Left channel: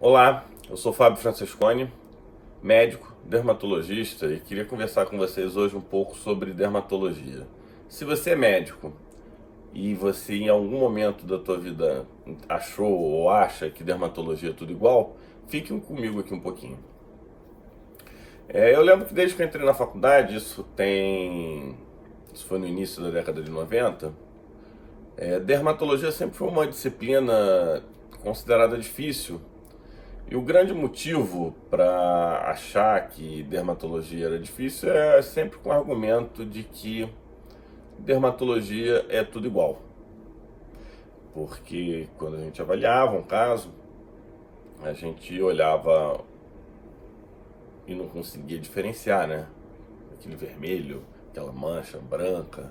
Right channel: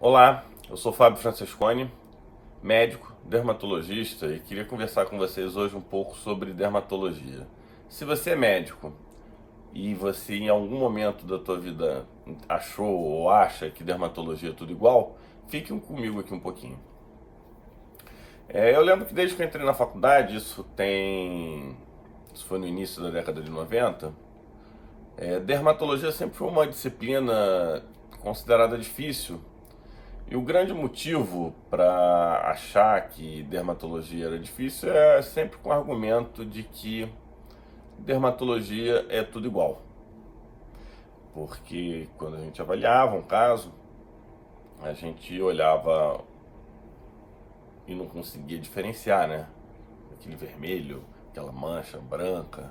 Olá, eu sou Fábio Francesconi, médico, dermatologista e queria conversar com vocês hoje um pouco sobre dermatologia. Se você é médico e você em algum momento da tua vida achou ou acha que dermatologia é tudo igual, fiquem comigo aqui um pouquinho. Eu lembro que desde que eu entrei na faculdade, isso foi no início da década de 90, dermatologia sempre foi uma disciplina considerada difícil. E o grande motivo para achar que dermatologia era difícil é sempre com o argumento de que dermatologia é tudo igual. Porque quando a gente avaliava um caso, a gente olhava e não conseguia diferenciar, né? Aquele vermelho, aquela mancha branca.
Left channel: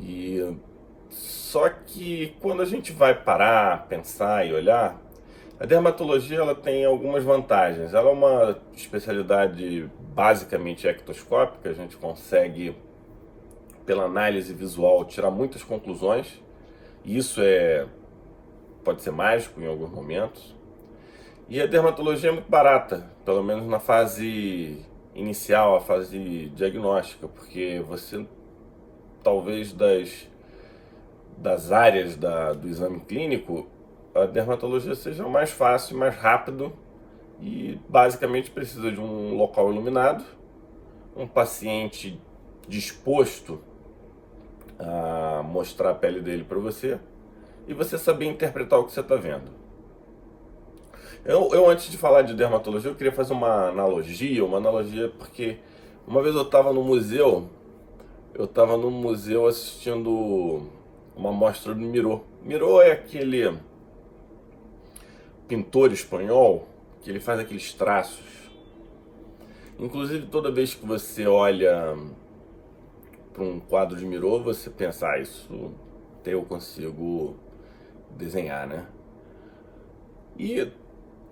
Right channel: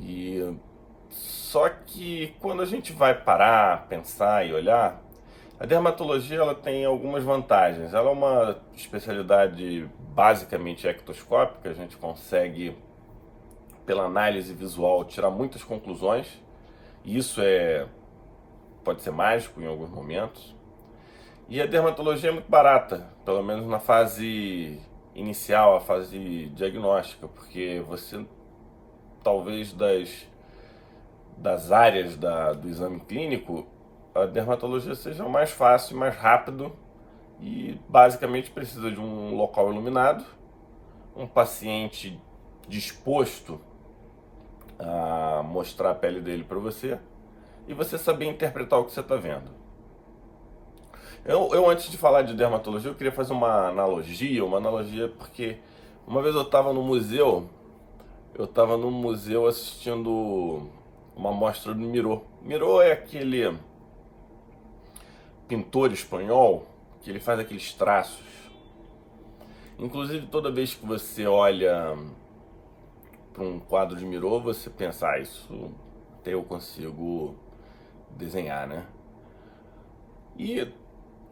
E só que quando a gente vai parar, pensar e olhar, a dermatologia ela tem algumas vantagens. Ela é uma especialidade basicamente ectoscópica, a gente consegue, pela análise visual, tirar muitas conclusões. E pode ser mágico em alguns momentos. E a dermatologia é muito barata, pelo menos na fase inicial, a fase diagnóstica, porque você talvez das áreas do exame clínico, a dermatologia seja mais fácil, mais rápido e basicamente precisa de um local iluminado, um paciente disposto a mostrar a pele dele para você e você saber interpretar o que você está vendo. Antes de falar de dermatologia, eu queria fazer uma analogia porque uma vez eu estava no museu assistindo uma mostra do Miró. Miró é aquele pintor espanhol que ele faz aqueles traços. Inclusive, toda vez que você olha para um quadro de Miró, você pensa, isso até eu consigo desenhar, né? E,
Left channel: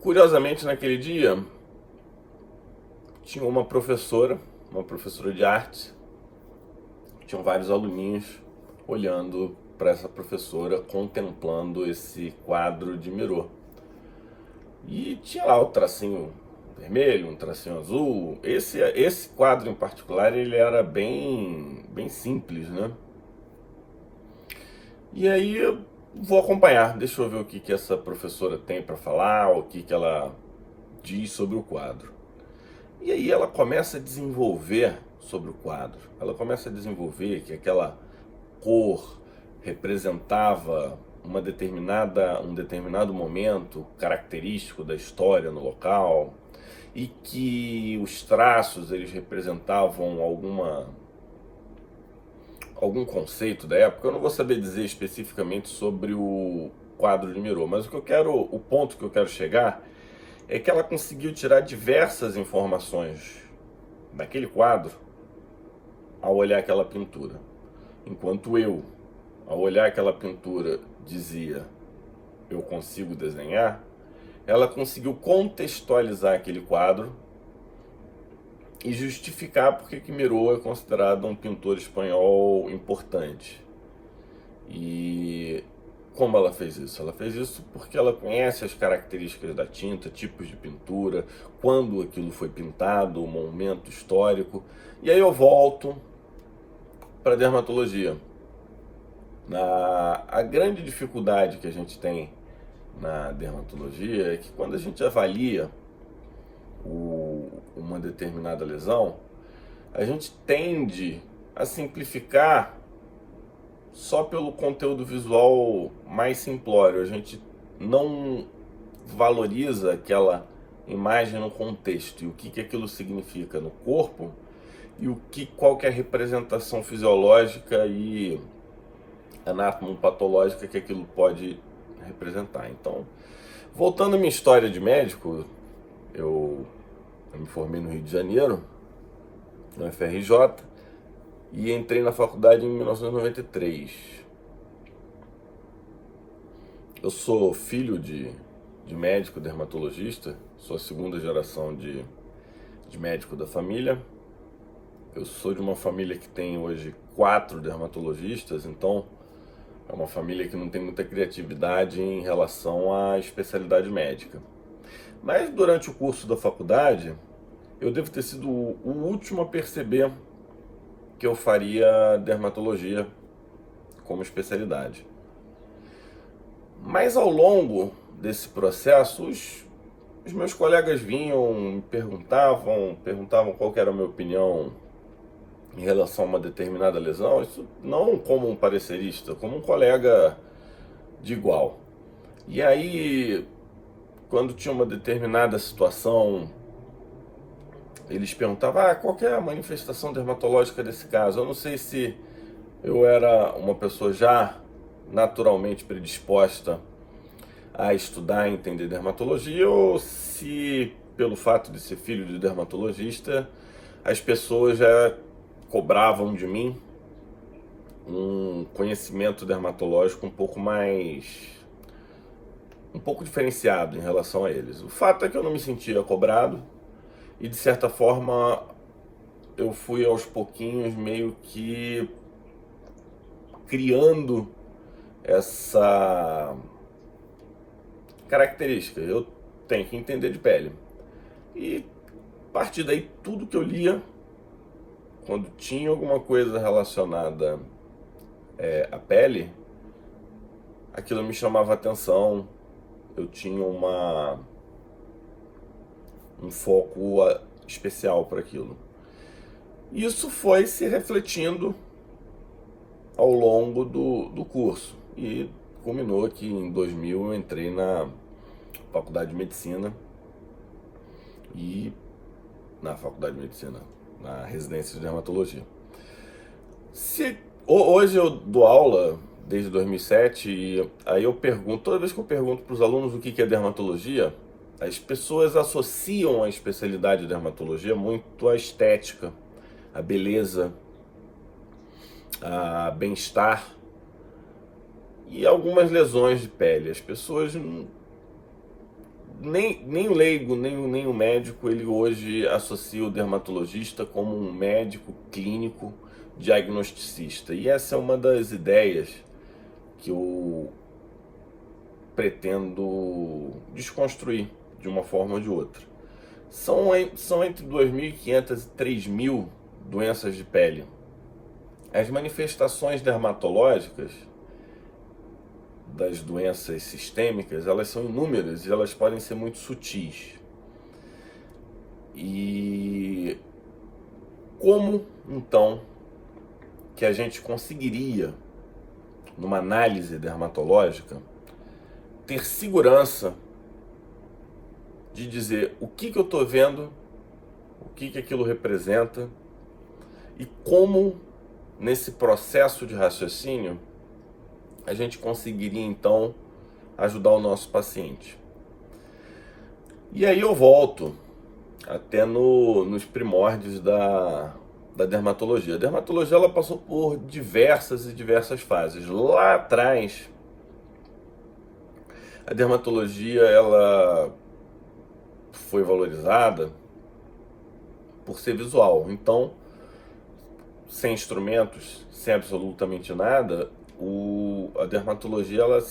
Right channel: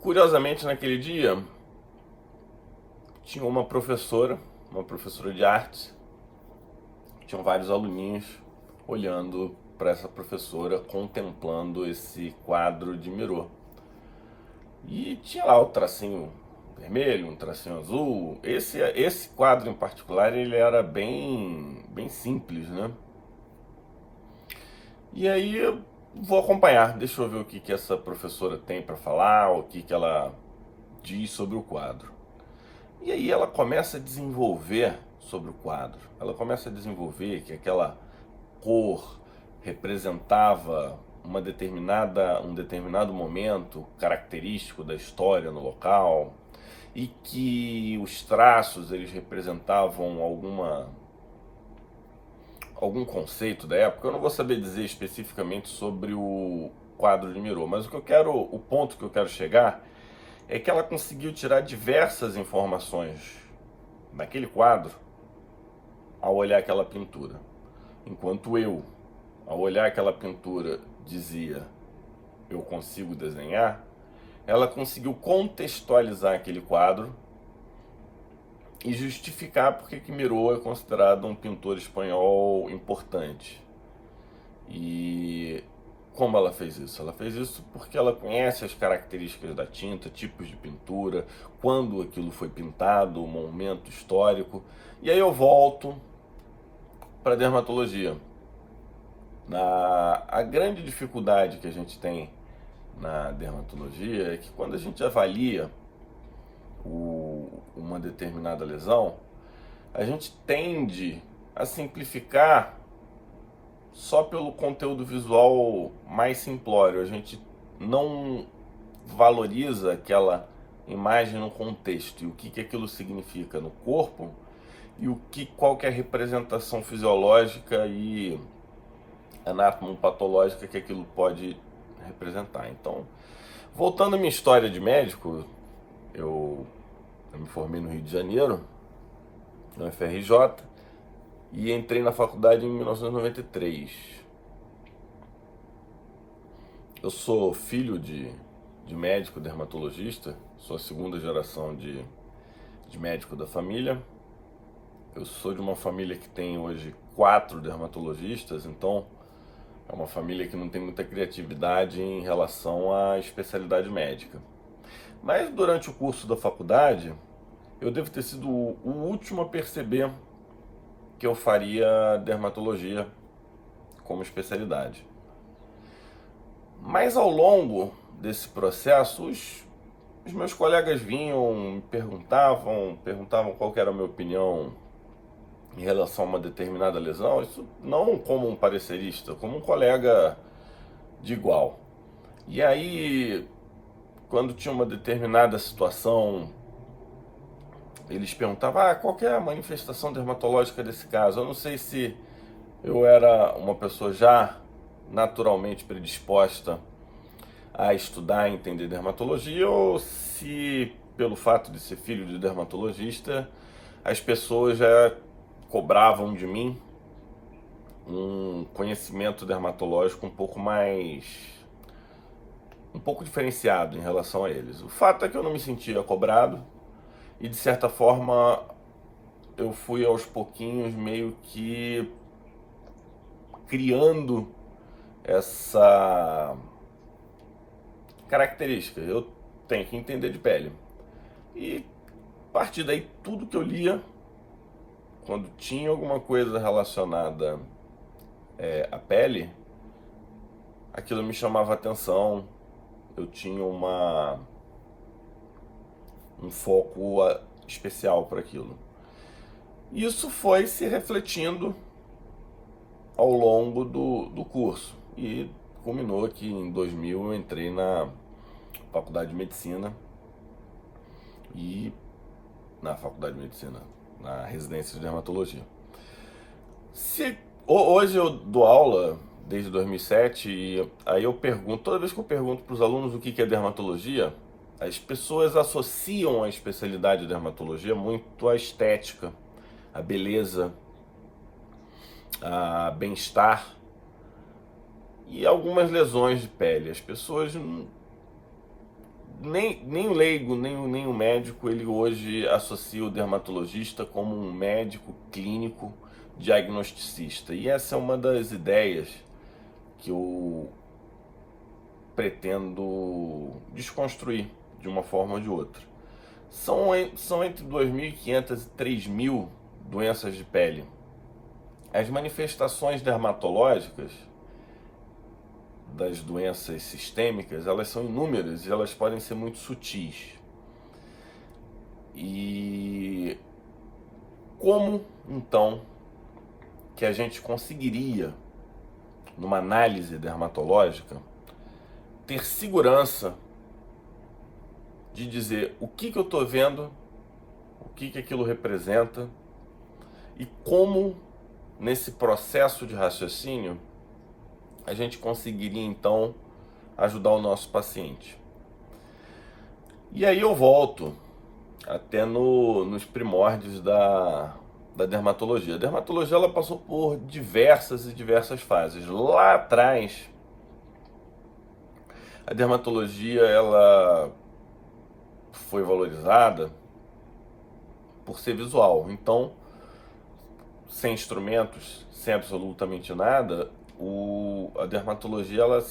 curiosamente, naquele dia, tinha uma professora de arte, tinham vários aluninhos olhando para essa professora, contemplando esse quadro de Miró. E tinha lá o tracinho vermelho, um tracinho azul. Esse quadro em particular, ele era bem simples, né? E aí eu vou acompanhar, deixa eu ver o que essa professora tem para falar, o que ela diz sobre o quadro. E aí ela começa a desenvolver sobre o quadro. Ela começa a desenvolver que aquela cor representava um determinado momento característico da história no local e que os traços eles representavam algum conceito da época. Eu não vou saber dizer especificamente sobre o quadro de Miró, mas o ponto que eu quero chegar é que ela conseguiu tirar diversas informações daquele quadro ao olhar aquela pintura. Enquanto eu, ao olhar aquela pintura, dizia eu consigo desenhar, ela conseguiu contextualizar aquele quadro e justificar porque que Miró é considerado um pintor espanhol importante. E como ela fez isso? Ela fez isso porque ela conhece as características da tinta, tipos de pintura, quando aquilo foi pintado, o momento histórico. E aí eu volto para a dermatologia. A grande dificuldade que a gente tem na dermatologia é que quando a gente avalia uma determinada lesão, a gente tende a simplificar só pelo conteúdo visual mais simplório. A gente não valoriza aquela imagem no contexto e o que aquilo significa no corpo e qual que é a representação fisiológica e anatomopatológica que aquilo pode representar. Então, voltando à minha história de médico, eu me formei no Rio de Janeiro, na UFRJ, e entrei na faculdade em 1993. Eu sou filho de médico dermatologista, sou a segunda geração de médico da família. Eu sou de uma família que tem hoje 4 dermatologistas, então é uma família que não tem muita criatividade em relação à especialidade médica. Mas durante o curso da faculdade, eu devo ter sido o último a perceber que eu faria dermatologia como especialidade. Mas ao longo desse processo, os meus colegas vinham, me perguntavam qual que era a minha opinião em relação a uma determinada lesão, isso não como um parecerista, como um colega de igual. E aí, quando tinha uma determinada situação, eles perguntavam, qual que é a manifestação dermatológica desse caso? Eu não sei se eu era uma pessoa já naturalmente predisposta a estudar e entender dermatologia, ou se pelo fato de ser filho de dermatologista, as pessoas já cobravam de mim um conhecimento dermatológico um pouco diferenciado em relação a eles. O fato é que eu não me sentia cobrado e, de certa forma, eu fui aos pouquinhos meio que criando essa característica. Eu tenho que entender de pele. E a partir daí, tudo que eu lia, quando tinha alguma coisa relacionada à pele, aquilo me chamava atenção. Eu tinha um foco especial para aquilo. Isso foi se refletindo ao longo do curso e culminou que em 2000 eu entrei na faculdade de medicina na residência de dermatologia. Hoje eu dou aula desde 2007 e aí eu pergunto, toda vez que eu pergunto para os alunos o que é dermatologia, as pessoas associam a especialidade de dermatologia muito à estética, à beleza, a bem-estar e algumas lesões de pele. As pessoas, nem o leigo, nem o médico, ele hoje associa o dermatologista como um médico clínico diagnosticista. E essa é uma das ideias que eu pretendo desconstruir de uma forma ou de outra. São entre 2.500 e 3.000 doenças de pele. As manifestações dermatológicas das doenças sistêmicas, elas são inúmeras e elas podem ser muito sutis. E como, então, que a gente conseguiria, numa análise dermatológica, ter segurança de dizer o que eu estou vendo, o que aquilo representa e como, nesse processo de raciocínio, a gente conseguiria, então, ajudar o nosso paciente. E aí eu volto até nos primórdios da dermatologia. A dermatologia ela passou por diversas e diversas fases. Lá atrás, a dermatologia ela foi valorizada por ser visual. Então, sem instrumentos, sem absolutamente nada, a dermatologia, ela,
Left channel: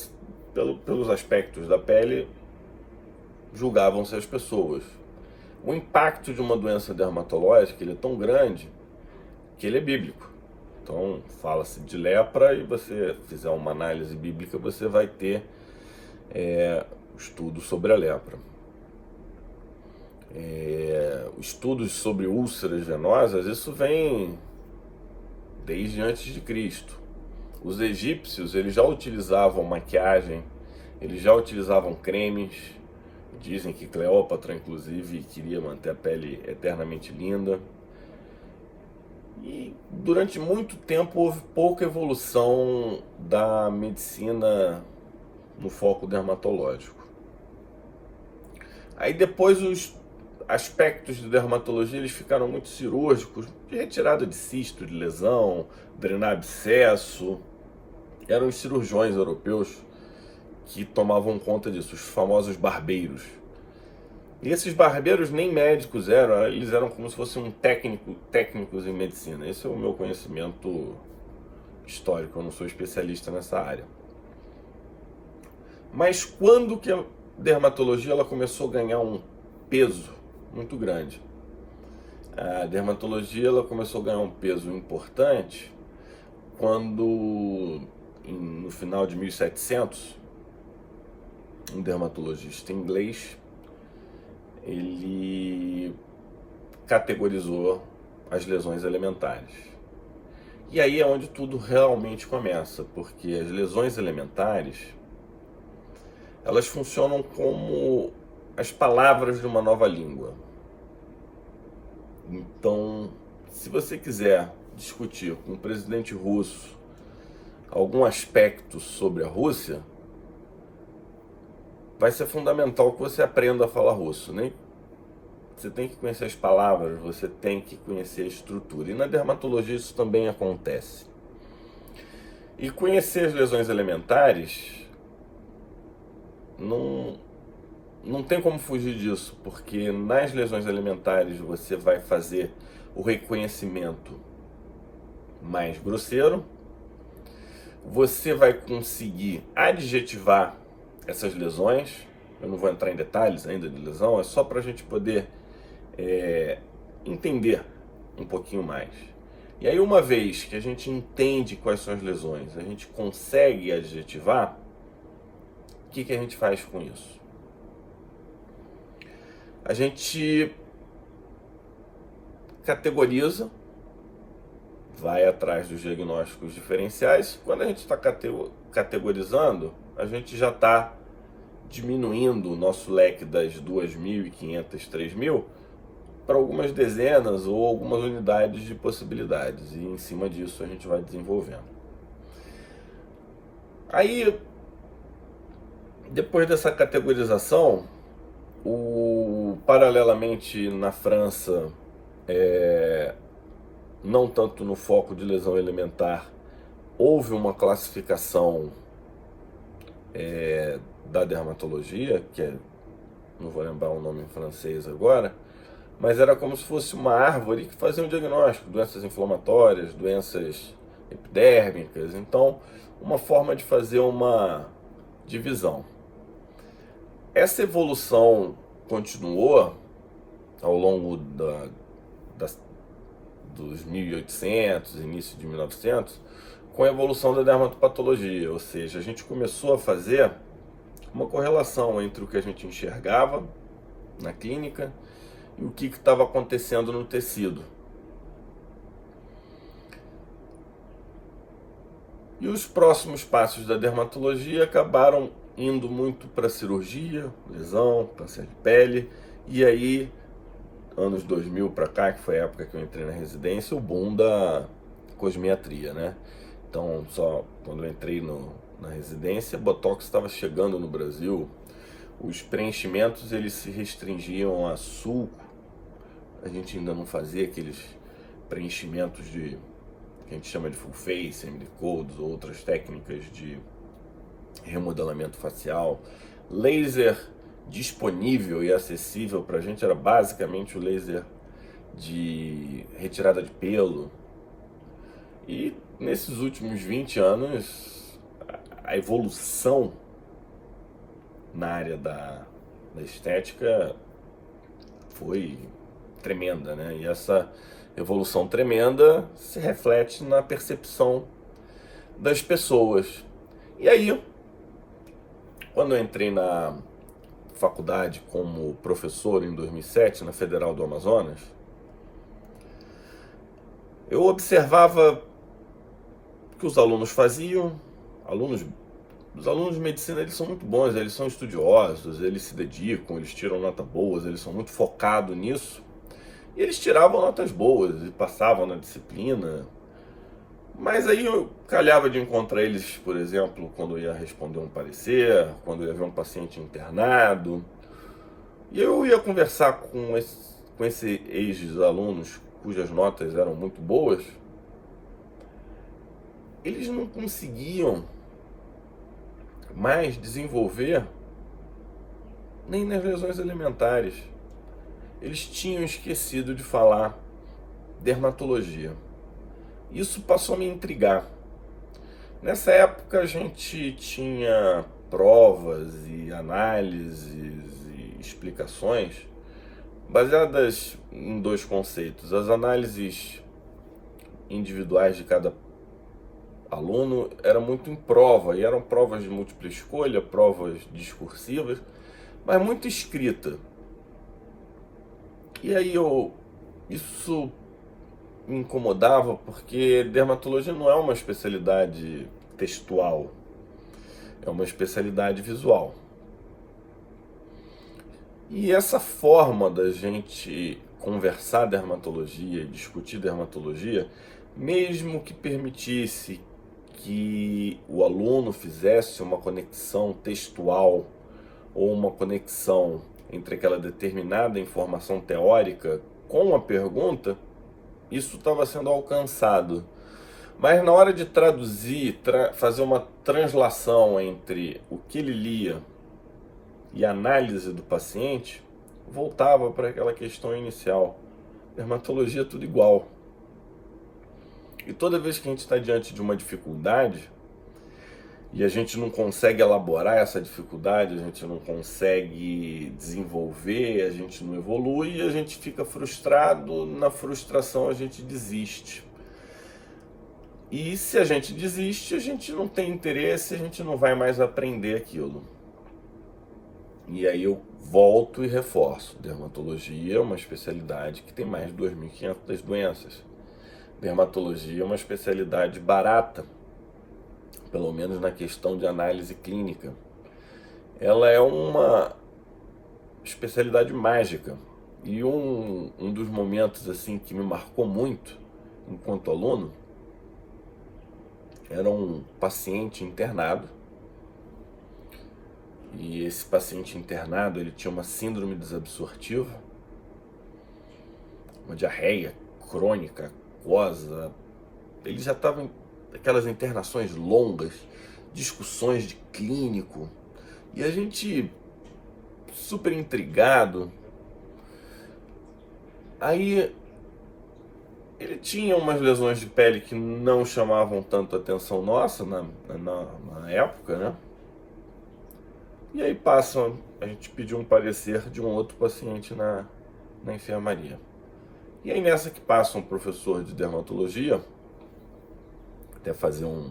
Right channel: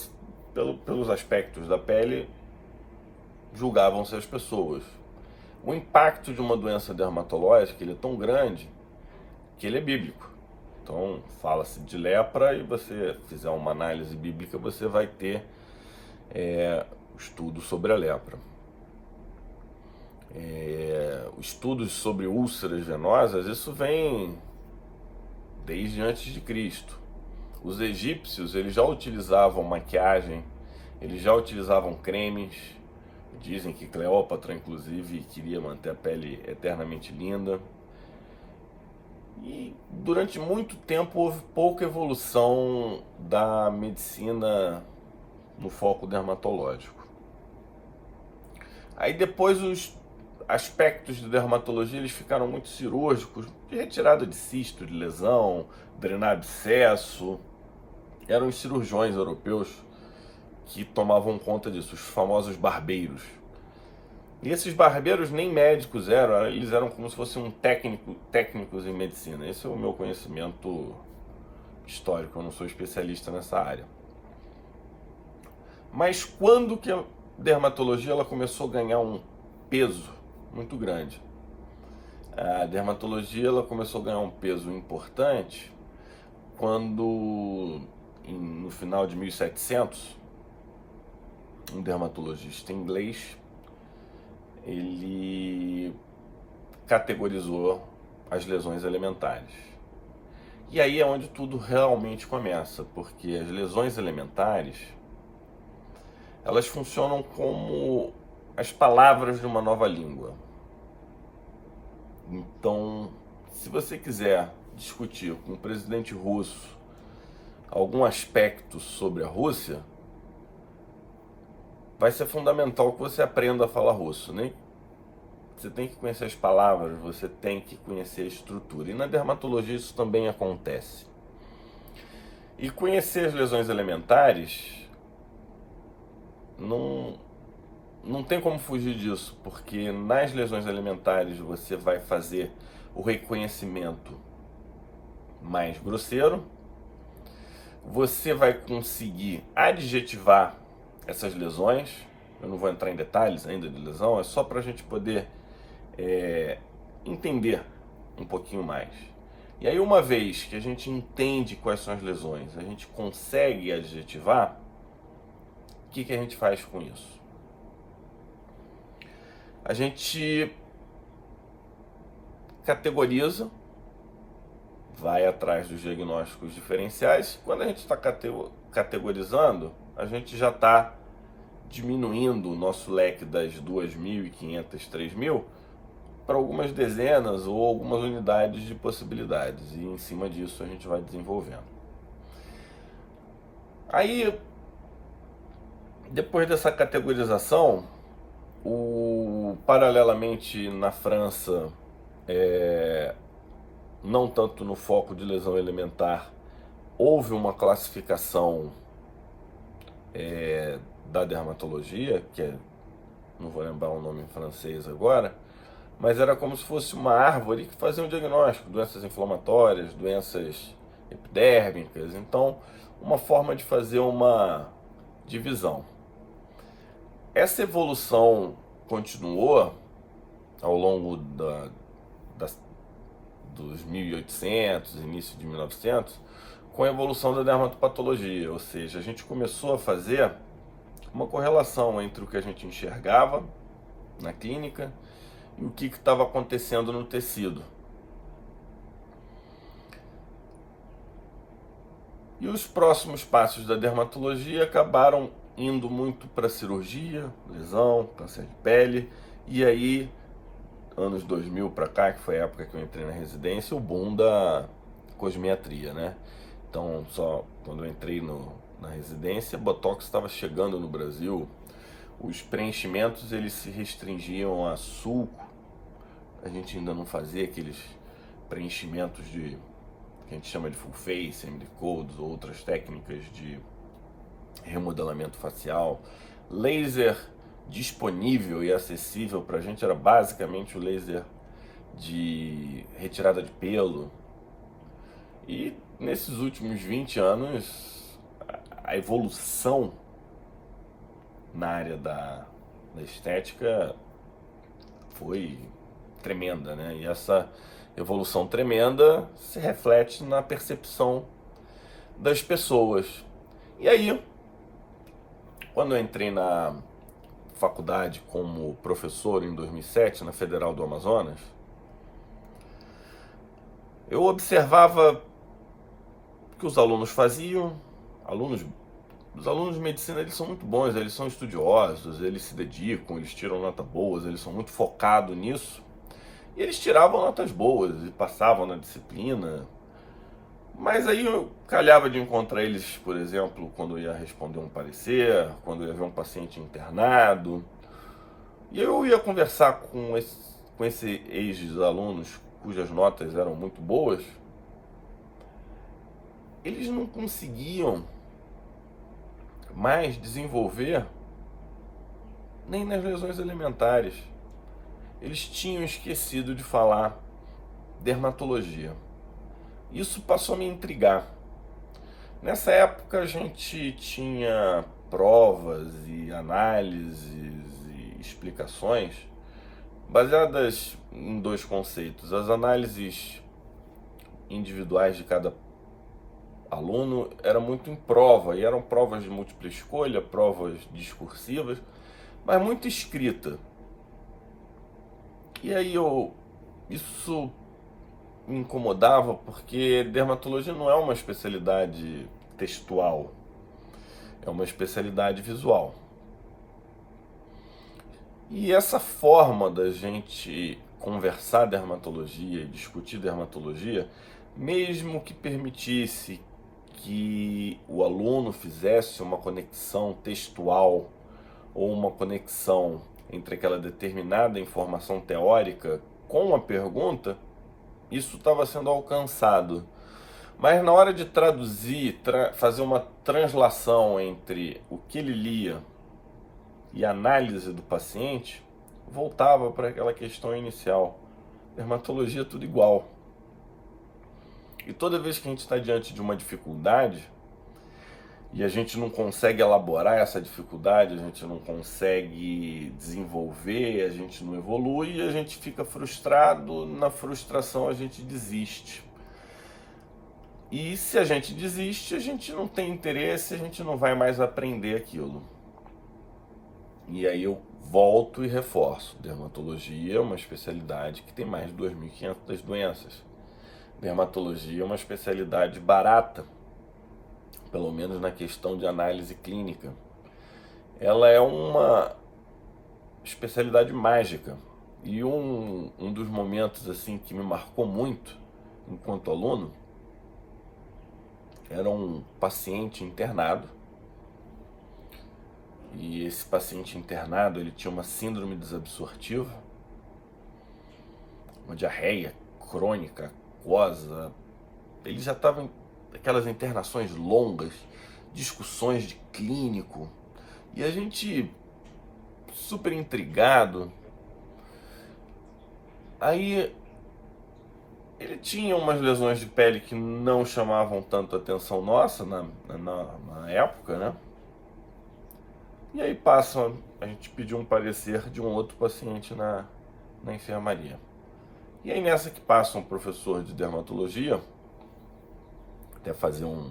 pelos aspectos da pele, julgavam-se as pessoas. O impacto de uma doença dermatológica ele é tão grande que ele é bíblico. Então, fala-se de lepra e você fizer uma análise bíblica, você vai ter estudos sobre a lepra. Estudos sobre úlceras venosas, isso vem desde antes de Cristo. Os egípcios, eles já utilizavam maquiagem, eles já utilizavam cremes. Dizem que Cleópatra, inclusive, queria manter a pele eternamente linda. E durante muito tempo houve pouca evolução da medicina no foco dermatológico. Aí depois os aspectos de dermatologia eles ficaram muito cirúrgicos, de retirada de cisto, de lesão, drenar abscesso. Eram os cirurgiões europeus que tomavam conta disso, os famosos barbeiros. E esses barbeiros nem médicos eram, eles eram como se fossem técnicos em medicina. Esse é o meu conhecimento histórico, eu não sou especialista nessa área. Mas quando que dermatologia ela começou a ganhar um peso muito grande. A dermatologia ela começou a ganhar um peso importante quando, no final de 1700, um dermatologista inglês, ele categorizou as lesões elementares. E aí é onde tudo realmente começa, porque as lesões elementares, elas funcionam como as palavras de uma nova língua. Então, se você quiser discutir com o presidente russo algum aspecto sobre a Rússia, vai ser fundamental que você aprenda a falar russo, né? Você tem que conhecer as palavras, você tem que conhecer a estrutura. E na dermatologia isso também acontece. E conhecer as lesões elementares não tem como fugir disso, porque nas lesões elementares você vai fazer o reconhecimento mais grosseiro, você vai conseguir adjetivar essas lesões. Eu não vou entrar em detalhes ainda de lesão, é só para a gente poder entender um pouquinho mais. E aí, uma vez que a gente entende quais são as lesões, a gente consegue adjetivar, o que a gente faz com isso? A gente categoriza, vai atrás dos diagnósticos diferenciais. Quando a gente está categorizando, a gente já está diminuindo o nosso leque das 2.500, 3.000 para algumas dezenas ou algumas unidades de possibilidades, e em cima disso a gente vai desenvolvendo. Aí, depois dessa categorização, paralelamente na França, não tanto no foco de lesão elementar, houve uma classificação da dermatologia, não vou lembrar o nome em francês agora, mas era como se fosse uma árvore que fazia um diagnóstico, doenças inflamatórias, doenças epidérmicas. Então, uma forma de fazer uma divisão. Essa evolução continuou ao longo dos 1800, início de 1900, com a evolução da dermatopatologia, ou seja, a gente começou a fazer uma correlação entre o que a gente enxergava na clínica e o que estava acontecendo no tecido. E os próximos passos da dermatologia acabaram indo muito para cirurgia, lesão, câncer de pele, e aí, anos 2000 para cá, que foi a época que eu entrei na residência, o boom da cosmetria, né? Então, só quando eu entrei na residência, Botox estava chegando no Brasil, os preenchimentos eles se restringiam a sulco, a gente ainda não fazia aqueles preenchimentos que a gente chama de full face, MD-codes ou outras técnicas de remodelamento facial. Laser disponível e acessível para a gente era basicamente o laser de retirada de pelo. E nesses últimos 20 anos, a evolução na área da estética foi tremenda, né? E essa evolução tremenda se reflete na percepção das pessoas. E aí, quando eu entrei na faculdade como professor em 2007, na Federal do Amazonas, eu observava o que os alunos faziam. Os alunos de medicina, eles são muito bons, eles são estudiosos, eles se dedicam, eles tiram notas boas, eles são muito focados nisso. E eles tiravam notas boas e passavam na disciplina. Mas aí eu calhava de encontrar eles, por exemplo, quando eu ia responder um parecer, quando eu ia ver um paciente internado. E eu ia conversar com esse ex-alunos cujas notas eram muito boas. Eles não conseguiam mais desenvolver nem nas lesões elementares. Eles tinham esquecido de falar dermatologia. Isso passou a me intrigar. Nessa época a gente tinha provas e análises e explicações baseadas em dois conceitos: as análises individuais de cada aluno era muito em prova, e eram provas de múltipla escolha, provas discursivas, mas muito escrita. E aí isso me incomodava, porque dermatologia não é uma especialidade textual, é uma especialidade visual. E essa forma da gente conversar dermatologia e discutir dermatologia, mesmo que permitisse que o aluno fizesse uma conexão textual ou uma conexão entre aquela determinada informação teórica com a pergunta, isso estava sendo alcançado. Mas na hora de traduzir, fazer uma translação entre o que ele lia e a análise do paciente, voltava para aquela questão inicial. Dermatologia é tudo igual. E toda vez que a gente está diante de uma dificuldade e a gente não consegue elaborar essa dificuldade, a gente não consegue desenvolver, a gente não evolui, a gente fica frustrado, na frustração a gente desiste. E se a gente desiste, a gente não tem interesse, a gente não vai mais aprender aquilo. E aí eu volto e reforço: dermatologia é uma especialidade que tem mais de 2.500 doenças. Dermatologia é uma especialidade barata, pelo menos na questão de análise clínica. Ela é uma especialidade mágica. E um dos momentos assim que me marcou muito enquanto aluno era um paciente internado. E esse paciente internado, ele tinha uma síndrome desabsortiva, uma diarreia crônica, aquosa. Ele já estava em aquelas internações longas, discussões de clínico, e a gente super intrigado. Aí ele tinha umas lesões de pele que não chamavam tanto a atenção nossa na época, né? E aí a gente pediu um parecer de um outro paciente na enfermaria. E aí nessa que passa um professor de dermatologia, até fazer uma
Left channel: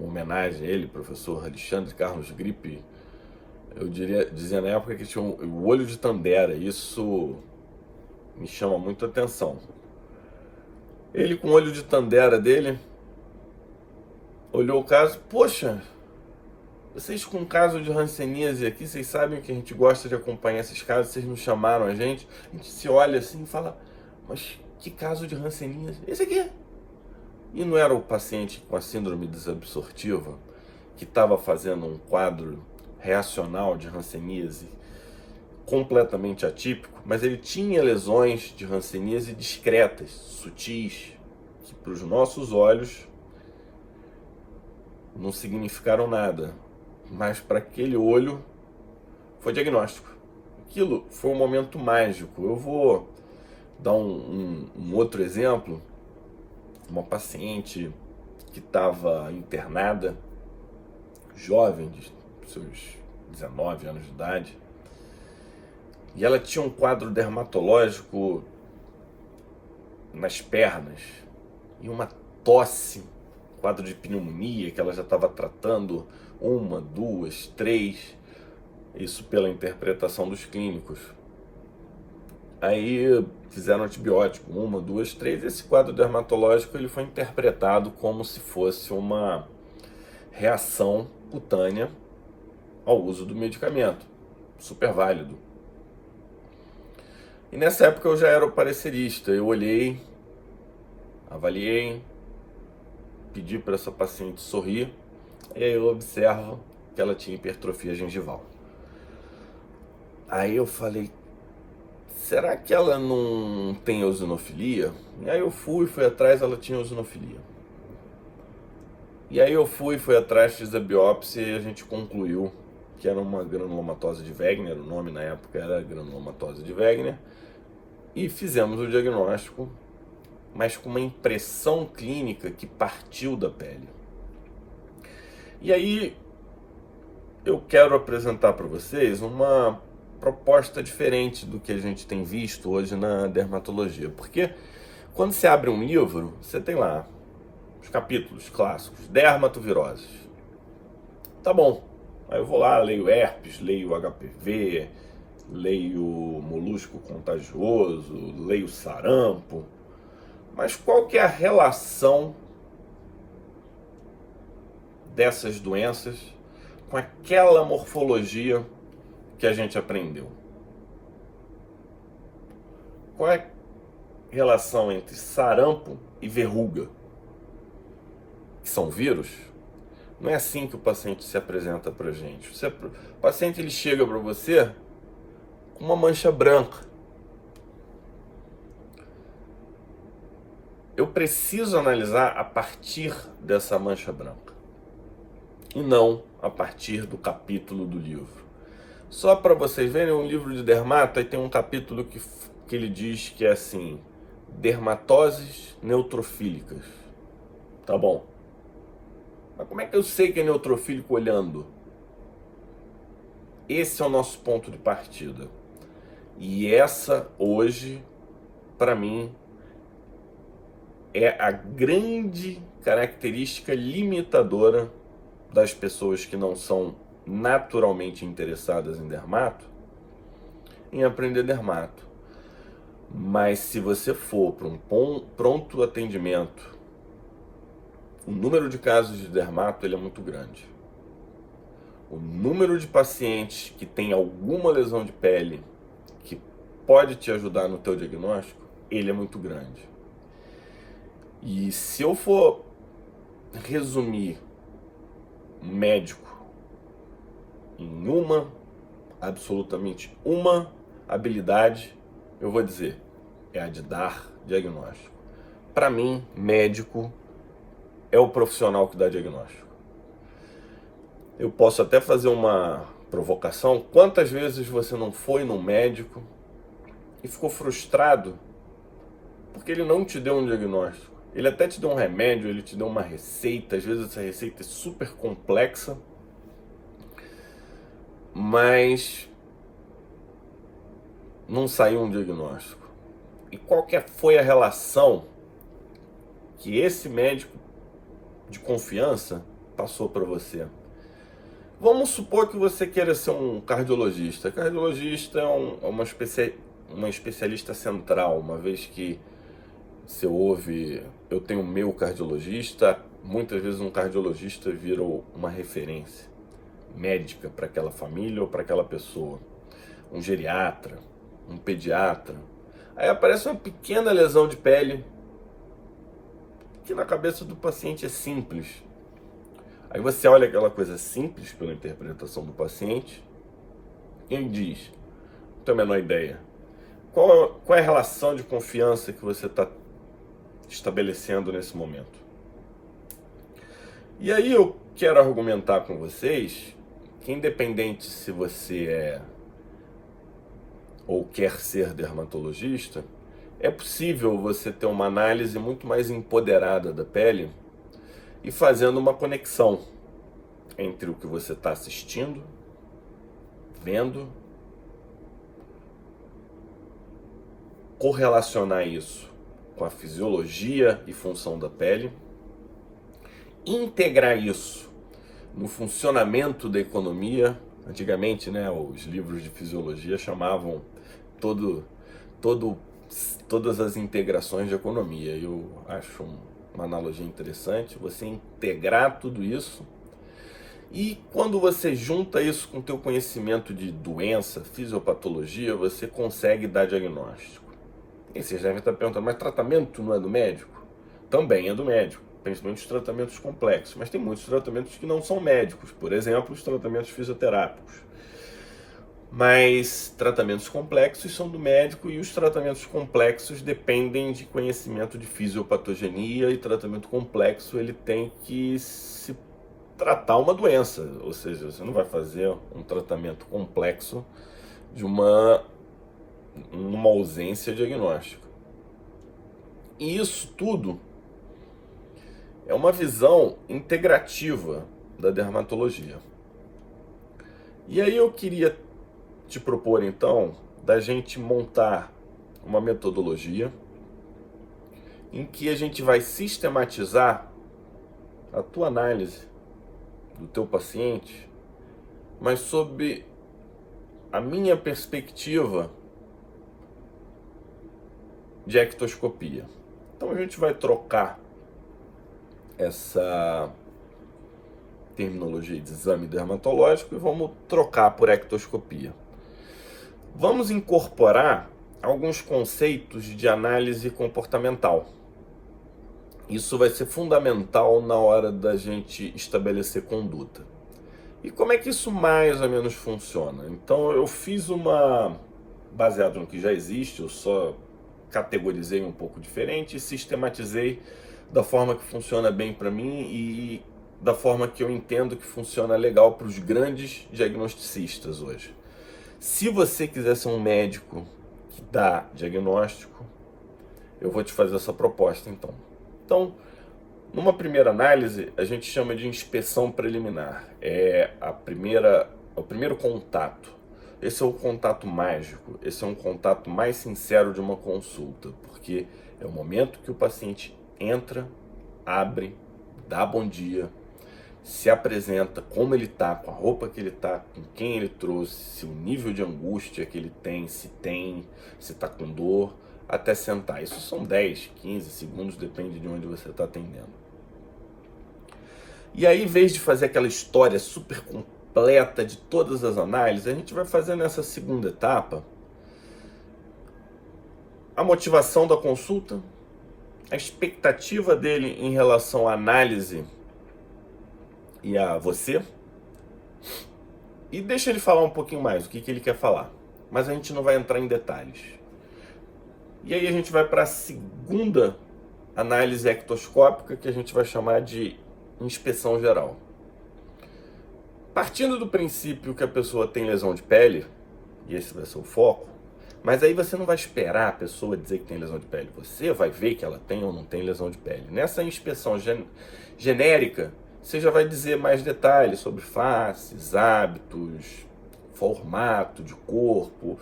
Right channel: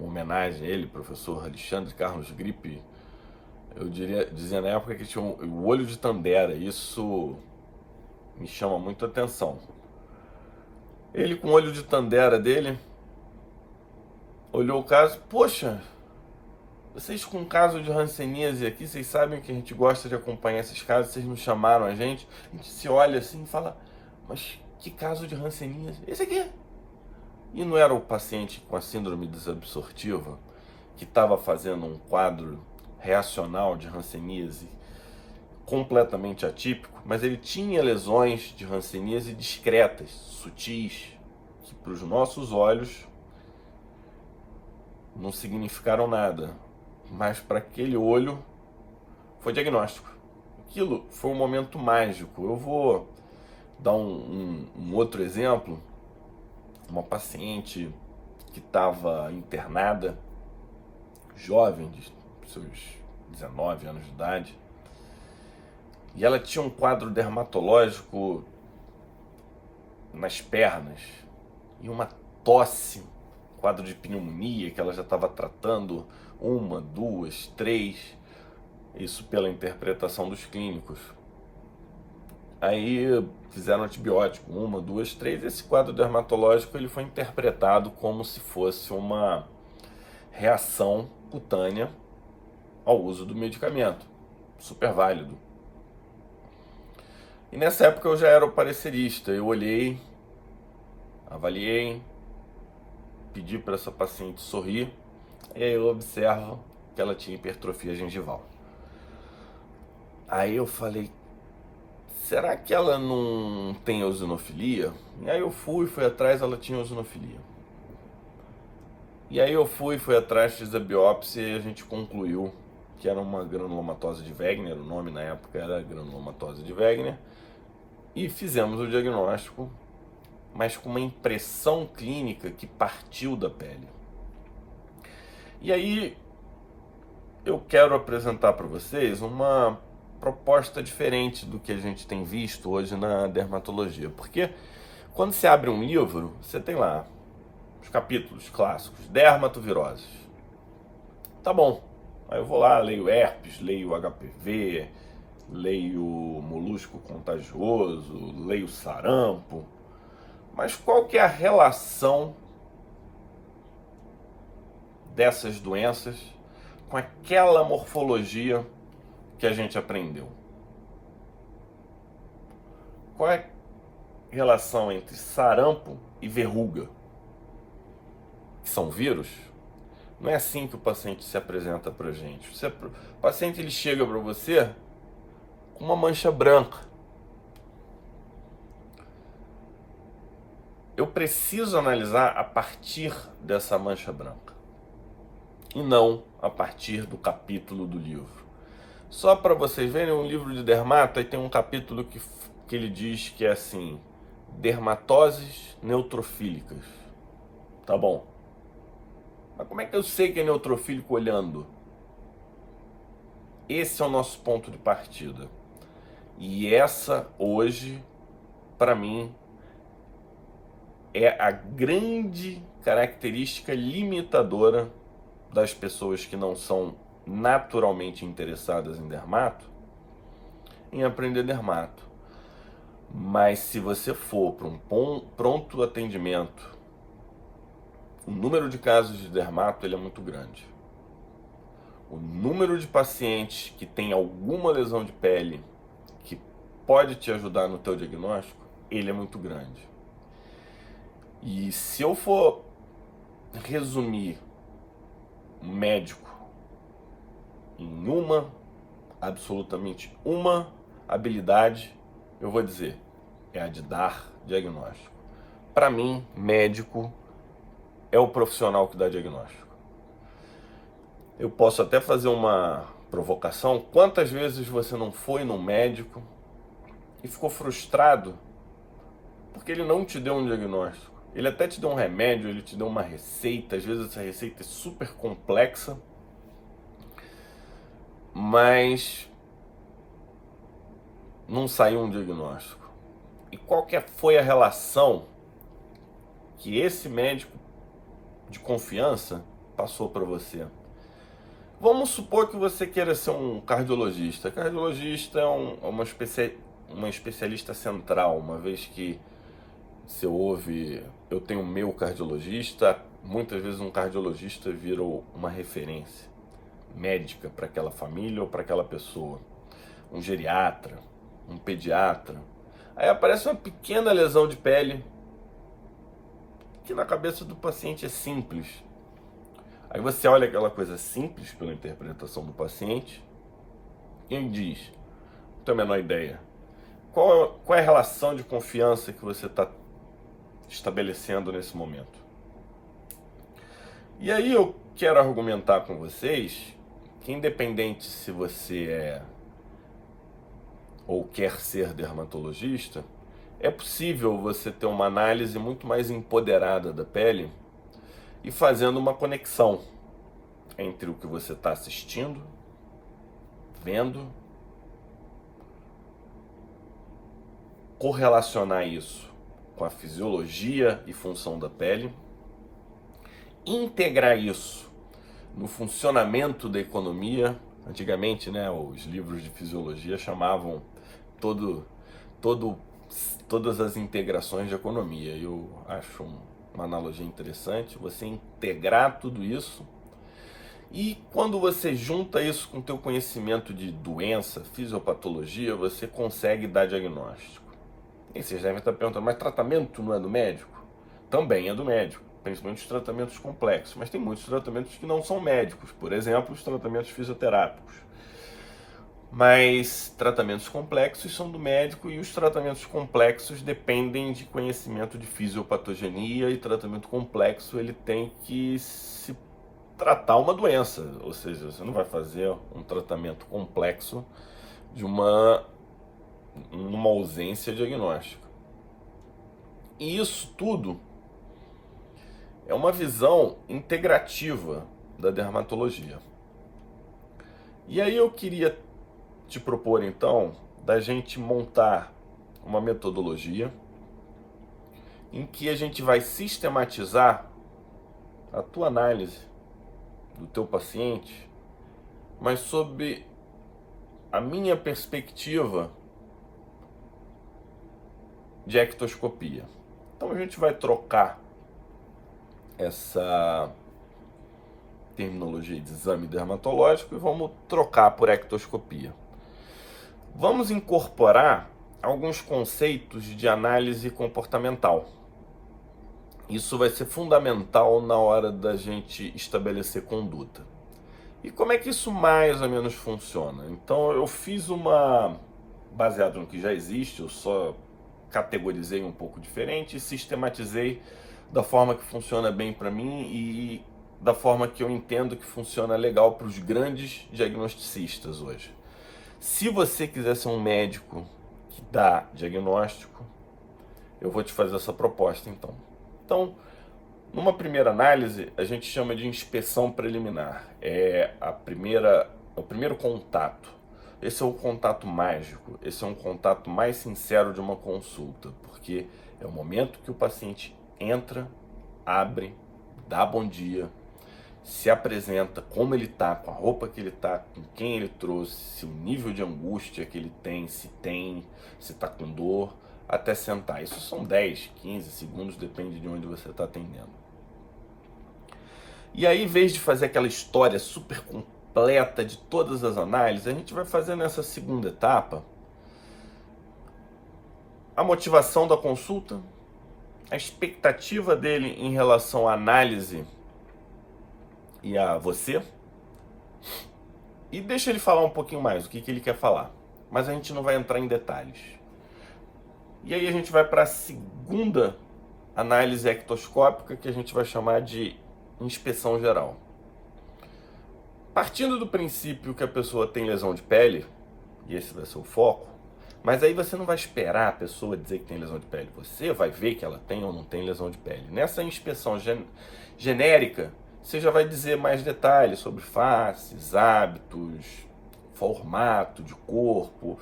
homenagem a ele, professor Alexandre Carlos Gripe, dizia na época que tinha o olho de Tandera. Isso me chama muito a atenção. Ele, com o olho de Tandera dele, olhou o caso: poxa, vocês com o caso de hanseníase aqui, vocês sabem que a gente gosta de acompanhar esses casos, vocês não chamaram a gente se olha assim e fala: mas que caso de hanseníase? Esse aqui. E não era o paciente com a síndrome desabsortiva, que estava fazendo um quadro reacional de hanseníase completamente atípico, mas ele tinha lesões de hanseníase discretas, sutis, que para os nossos olhos não significaram nada, mas para aquele olho foi diagnóstico. Aquilo foi um momento mágico. Eu vou dar um outro exemplo. Uma paciente que estava internada, jovem, de seus 19 anos de idade, e ela tinha um quadro dermatológico nas pernas e uma tosse, quadro de pneumonia que ela já estava tratando 1, 2, 3, isso pela interpretação dos clínicos. Aí fizeram antibiótico, 1, 2, 3. Esse quadro dermatológico ele foi interpretado como se fosse uma reação cutânea ao uso do medicamento, super válido. E nessa época eu já era o parecerista. Eu olhei, avaliei, pedi para essa paciente sorrir, e aí eu observo que ela tinha hipertrofia gengival. Aí eu falei: será que ela não tem eosinofilia? E aí eu fui atrás, ela tinha eosinofilia. E aí eu fui atrás, fiz a biópsia e a gente concluiu que era uma granulomatose de Wegener. O nome na época era granulomatose de Wegener. E fizemos o diagnóstico, mas com uma impressão clínica que partiu da pele. E aí eu quero apresentar para vocês uma proposta diferente do que a gente tem visto hoje na dermatologia. Porque quando você abre um livro, você tem lá os capítulos clássicos, dermatoviroses. Tá bom. Aí eu vou lá, leio herpes, leio HPV, leio molusco contagioso, leio sarampo. Mas qual que é a relação dessas doenças com aquela morfologia que a gente aprendeu? Qual é a relação entre sarampo e verruga? Que são vírus? Não é assim que o paciente se apresenta pra gente. O paciente ele chega para você com uma mancha branca. Eu preciso analisar a partir dessa mancha branca e não a partir do capítulo do livro. Só para vocês verem, um livro de dermato, aí tem um capítulo que ele diz que é assim: dermatoses neutrofílicas. Tá bom. Mas como é que eu sei que é neutrofílico olhando? Esse é o nosso ponto de partida. E essa, hoje, para mim, é a grande característica limitadora das pessoas que não são naturalmente interessadas em dermato, em aprender dermato. Mas se você for para um pronto atendimento, o número de casos de dermato ele é muito grande. O número de pacientes que tem alguma lesão de pele que pode te ajudar no teu diagnóstico, ele é muito grande. E se eu for resumir um médico em absolutamente uma habilidade, eu vou dizer, é a de dar diagnóstico. Para mim, médico é o profissional que dá diagnóstico. Eu posso até fazer uma provocação. Quantas vezes você não foi no médico e ficou frustrado porque ele não te deu um diagnóstico? Ele até te deu um remédio, ele te deu uma receita, às vezes essa receita é super complexa, mas não saiu um diagnóstico. E qual que foi a relação que esse médico de confiança passou para você? Vamos supor que você queira ser um cardiologista. Cardiologista é uma especialista central, uma vez que você ouve, eu tenho meu cardiologista, muitas vezes um cardiologista vira uma referência médica para aquela família ou para aquela pessoa. Um geriatra, um pediatra. Aí aparece uma pequena lesão de pele que na cabeça do paciente é simples. Aí você olha aquela coisa simples pela interpretação do paciente e ele diz: não tenho a menor ideia. Qual é a relação de confiança que você está estabelecendo nesse momento? E aí eu quero argumentar com vocês que, independente se você é ou quer ser dermatologista, é possível você ter uma análise muito mais empoderada da pele e fazendo uma conexão entre o que você está assistindo, vendo, correlacionar isso com a fisiologia e função da pele, integrar isso no funcionamento da economia. Antigamente, né, os livros de fisiologia chamavam todas as integrações de economia. Eu acho uma analogia interessante, você integrar tudo isso, e quando você junta isso com o teu conhecimento de doença, fisiopatologia, você consegue dar diagnóstico. E vocês devem estar perguntando, mas tratamento não é do médico? Também é do médico, principalmente os tratamentos complexos, mas tem muitos tratamentos que não são médicos, por exemplo, os tratamentos fisioterápicos. Mas tratamentos complexos são do médico, e os tratamentos complexos dependem de conhecimento de fisiopatogenia, e tratamento complexo ele tem que se tratar uma doença, ou seja, você não vai fazer um tratamento complexo de uma ausência diagnóstica. E isso tudo é uma visão integrativa da dermatologia. E aí eu queria te propor então da gente montar uma metodologia em que a gente vai sistematizar a tua análise do teu paciente, mas sob a minha perspectiva de ectoscopia. Então a gente vai trocar essa terminologia de exame dermatológico e vamos trocar por ectoscopia. Vamos incorporar alguns conceitos de análise comportamental. Isso vai ser fundamental na hora da gente estabelecer conduta. E como é que isso mais ou menos funciona? Então eu fiz baseado no que já existe, eu só categorizei um pouco diferente e sistematizei da forma que funciona bem para mim e da forma que eu entendo que funciona legal para os grandes diagnosticistas hoje. Se você quiser ser um médico que dá diagnóstico, eu vou te fazer essa proposta então. Então, numa primeira análise, a gente chama de inspeção preliminar. É o primeiro contato. Esse é o contato mágico, esse é um contato mais sincero de uma consulta, porque é o momento que o paciente entra, abre, dá bom dia, se apresenta como ele está, com a roupa que ele está, com quem ele trouxe, se o nível de angústia que ele tem, se está com dor, até sentar. Isso são 10, 15 segundos, depende de onde você está atendendo. E aí, em vez de fazer aquela história super completa de todas as análises, a gente vai fazer nessa segunda etapa a motivação da consulta, a expectativa dele em relação à análise e a você, e deixa ele falar um pouquinho mais o que ele quer falar, mas a gente não vai entrar em detalhes. E aí a gente vai para a segunda análise ectoscópica, que a gente vai chamar de inspeção geral. Partindo do princípio que a pessoa tem lesão de pele, e esse vai ser o foco, mas aí você não vai esperar a pessoa dizer que tem lesão de pele, você vai ver que ela tem ou não tem lesão de pele. Nessa inspeção genérica, você já vai dizer mais detalhes sobre faces, hábitos, formato de corpo,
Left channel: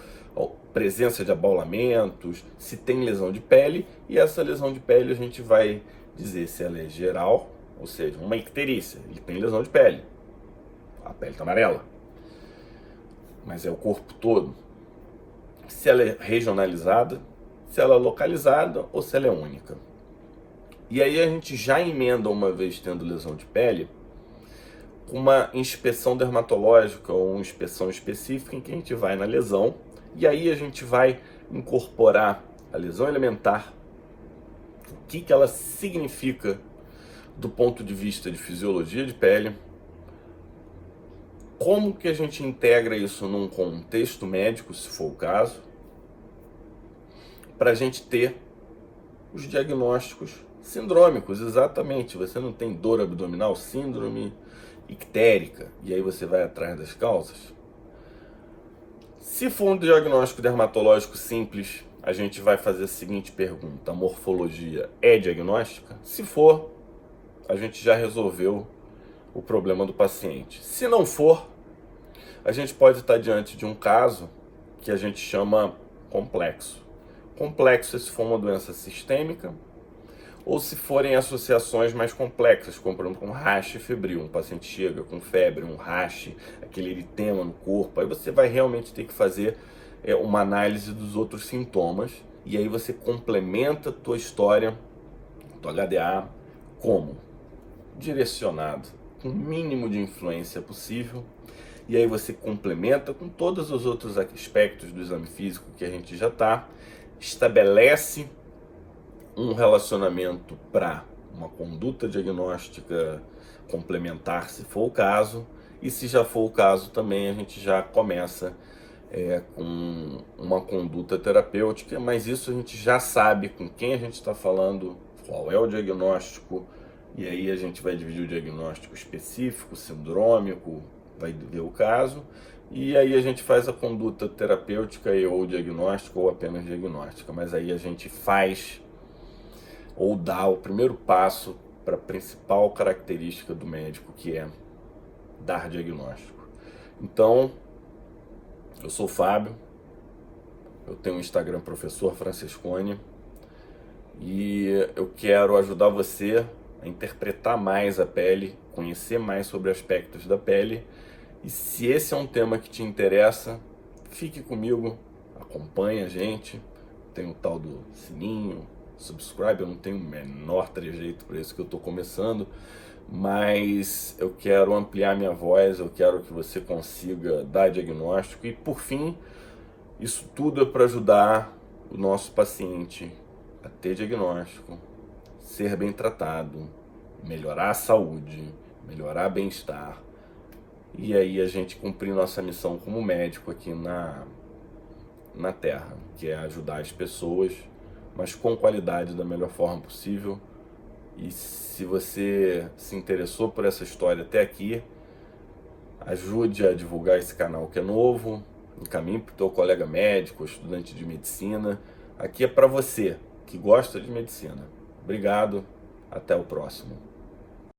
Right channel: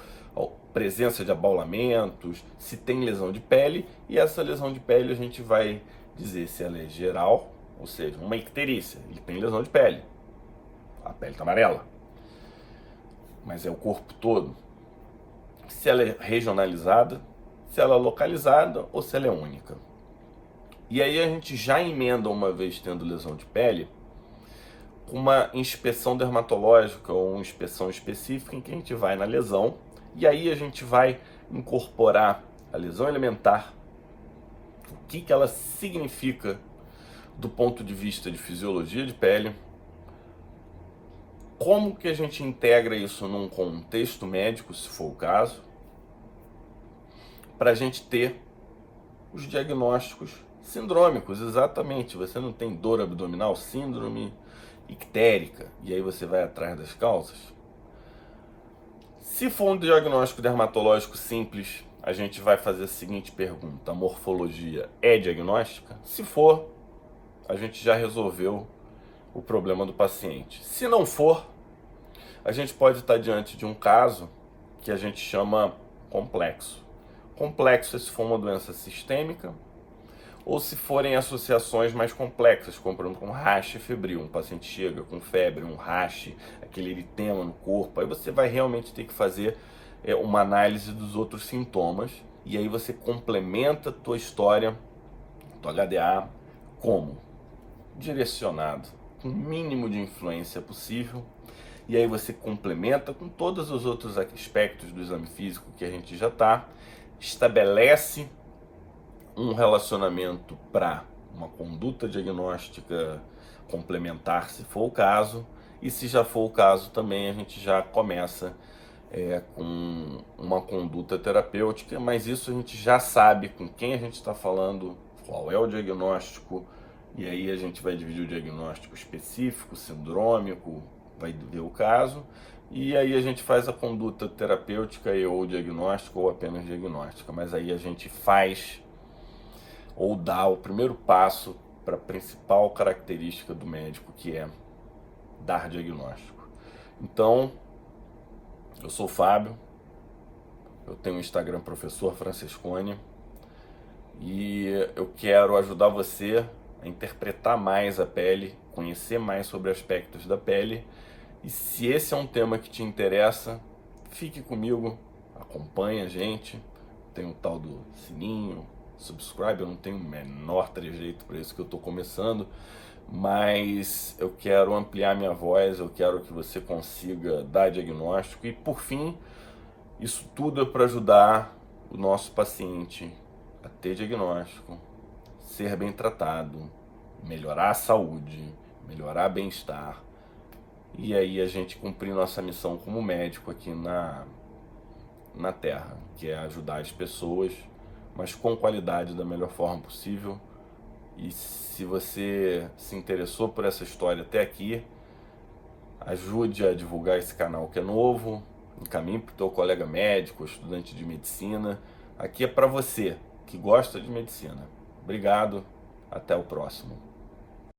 presença de abaulamentos, se tem lesão de pele, e essa lesão de pele a gente vai dizer se ela é geral, ou seja, uma icterícia, ele tem lesão de pele, a pele está amarela, mas é o corpo todo. Se ela é regionalizada, se ela é localizada ou se ela é única. E aí a gente já emenda, uma vez tendo lesão de pele, uma inspeção dermatológica ou uma inspeção específica em que a gente vai na lesão e aí a gente vai incorporar a lesão elementar, o que ela significa do ponto de vista de fisiologia de pele, como que a gente integra isso num contexto médico, se for o caso, para a gente ter os diagnósticos sindrômicos, exatamente. Você não tem dor abdominal, síndrome ictérica, e aí você vai atrás das causas. Se for um diagnóstico dermatológico simples, a gente vai fazer a seguinte pergunta: a morfologia é diagnóstica? Se for, a gente já resolveu o problema do paciente. Se não for, a gente pode estar diante de um caso que a gente chama complexo. Complexo se for uma doença sistêmica, ou se forem associações mais complexas, como por exemplo com rash febril. Um paciente chega com febre, um rash, aquele eritema no corpo, aí você vai realmente ter que fazer uma análise dos outros sintomas, e aí você complementa a tua história, tua HDA, como? Direcionado, com o mínimo de influência possível, e aí você complementa com todos os outros aspectos do exame físico que a gente já está, estabelece um relacionamento para uma conduta diagnóstica complementar, se for o caso, e se já for o caso também a gente já começa com uma conduta terapêutica, mas isso a gente já sabe com quem a gente está falando, qual é o diagnóstico, e aí a gente vai dividir o diagnóstico específico, sindrômico, vai ver o caso, e aí a gente faz a conduta terapêutica ou diagnóstica ou apenas diagnóstica, mas aí a gente faz ou dá o primeiro passo para a principal característica do médico, que é dar diagnóstico. Então, eu sou o Fábio, eu tenho o Instagram Professor Francescone e eu quero ajudar você a interpretar mais a pele, conhecer mais sobre aspectos da pele. E se esse é um tema que te interessa, fique comigo, acompanhe a gente. Tem o tal do sininho, subscribe, eu não tenho o menor trejeito para isso que eu estou começando, mas eu quero ampliar minha voz, eu quero que você consiga dar diagnóstico e, por fim, isso tudo é para ajudar o nosso paciente a ter diagnóstico, ser bem tratado, melhorar a saúde, melhorar o bem-estar. E aí a gente cumprir nossa missão como médico aqui na Terra, que é ajudar as pessoas, mas com qualidade, da melhor forma possível. E se você se interessou por essa história até aqui, ajude a divulgar esse canal que é novo, encaminhe para o teu colega médico, estudante de medicina. Aqui é para você que gosta de medicina. Obrigado, até o próximo.